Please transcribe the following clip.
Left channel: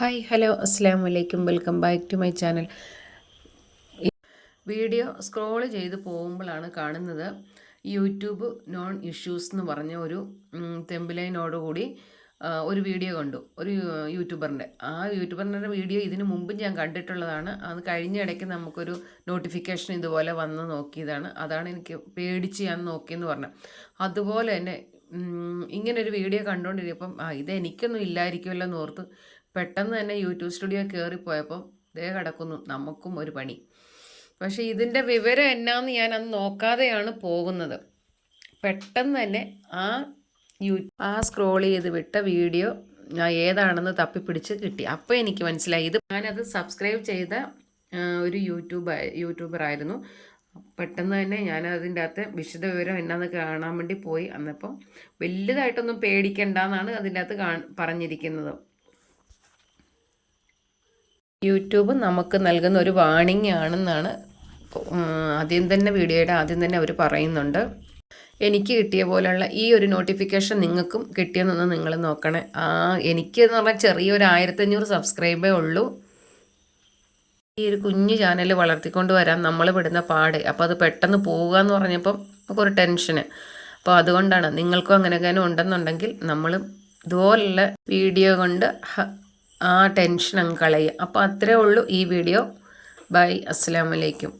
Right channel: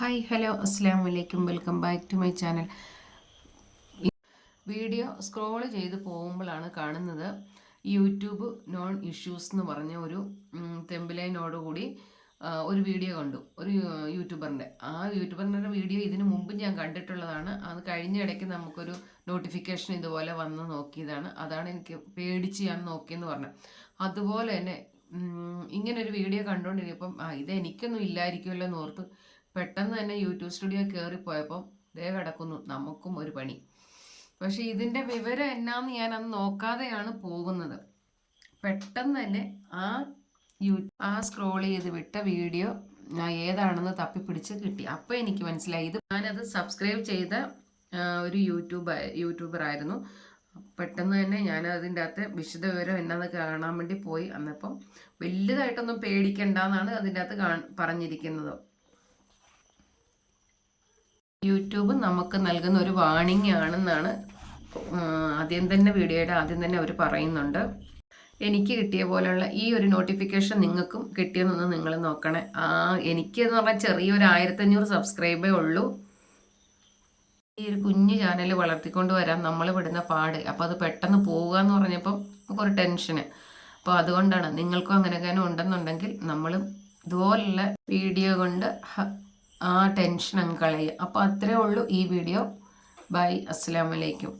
Hi hello അസ്സാം വലൈക്കും welcome back to my channel. Video scroll ചെയ്ത് പോകുമ്പോഴാണ് കാണുന്നത് യൂട്യൂബ് നോൺ ഇഷ്യൂസ് എന്ന് പറഞ്ഞ ഒരു തെമ്പിലൈനോടുകൂടി ഒരു വീഡിയോ കണ്ടു. ഒരു യൂട്യൂബറിൻ്റെ വീഡിയോ ഇതിനു മുമ്പ് ഞാൻ കണ്ടിട്ടുള്ളതാണ്. അത് കഴിഞ്ഞ ഇടയ്ക്ക് നമുക്കൊരു നോട്ടിഫിക്കേഷൻ ഇതുപോലെ വന്ന് നോക്കിയതാണ്. അതാണ് എനിക്ക് പേടിച്ച് ഞാൻ നോക്കിയെന്ന് പറഞ്ഞത്. അതുപോലെ തന്നെ ഇങ്ങനൊരു വീഡിയോ കണ്ടുകൊണ്ടിരിക്കുമ്പം ഇത് എനിക്കൊന്നും ഇല്ലായിരിക്കുമല്ലോ എന്ന് ഓർത്ത് പെട്ടെന്ന് തന്നെ യൂട്യൂബ് സ്റ്റുഡിയോ കയറിപ്പോയപ്പം ദേ കിടക്കുന്നു നമുക്കും ഒരു പണി. പക്ഷേ ഇതിൻ്റെ വിവരം എന്നാന്ന് ഞാൻ അന്ന് നോക്കാതെയാണ് പോകുന്നത്. പെട്ടെന്ന് തന്നെ ആ സ്ക്രോൾ ചെയ്ത് വിട്ട വീഡിയോ ഏതാണെന്ന് തപ്പിപ്പിടിച്ച് കിട്ടി. അപ്പോൾ എനിക്ക് മനസ്സിലായി ഞാനത് സബ്സ്ക്രൈബ് ചെയ്ത ഒരു യൂട്യൂബറായിരുന്നു. പെട്ടെന്ന് തന്നെ ഞാൻ അതിൻ്റെ അകത്ത് വിശദ വിവരം എന്നാന്ന് കാണാൻ വേണ്ടി പോയി. അന്നപ്പം വലുതായിട്ടൊന്നും പേടിക്കണ്ടെന്നാണ് അതിൻ്റെ അകത്ത് പറഞ്ഞിരിക്കുന്നത്. യൂട്യൂബ് നമുക്ക് നൽകുന്ന ഒരു വാണിംഗ് ആണെന്നാണ് വീഡിയോയുടെ ആദ്യം തന്നെ അവർ പറയുന്നുണ്ട്. എനിക്ക് കിട്ടിയ പോലെയുള്ള ഈ ഒരു നോട്ടിഫിക്കേഷൻ നിങ്ങൾക്കും കിട്ടിയെന്നൊന്ന് നിങ്ങൾ നോക്കണേ. എനിക്ക് എന്ന് പറഞ്ഞാൽ ചെറിയൊരു 1500 സബ്സ്ക്രൈബേ ഉള്ളൂ. ഈ ഒരു കുഞ്ഞു ചാനൽ വളർത്തിക്കൊണ്ട് വരാൻ നമ്മൾ വിടുന്ന പാട്. അപ്പോൾ അത് പെട്ടെന്ന് പോവുക എന്ന് പറഞ്ഞപ്പം നമുക്കൊരു ടെൻഷന്. അപ്പോൾ അതുകൊണ്ടാണ് നിങ്ങൾക്കും അങ്ങനെയൊക്കെ ഉണ്ടെന്നുണ്ടെങ്കിൽ നമ്മളും ഇതുപോലുള്ള വീഡിയോ കൊണ്ട് ആ ടെൻഷൻ അങ്ങ് കളയുക. അപ്പോൾ അത്രേ ഉള്ളൂ ഈ വീഡിയോ. ബൈ, അസ്സലാമു അലൈക്കും.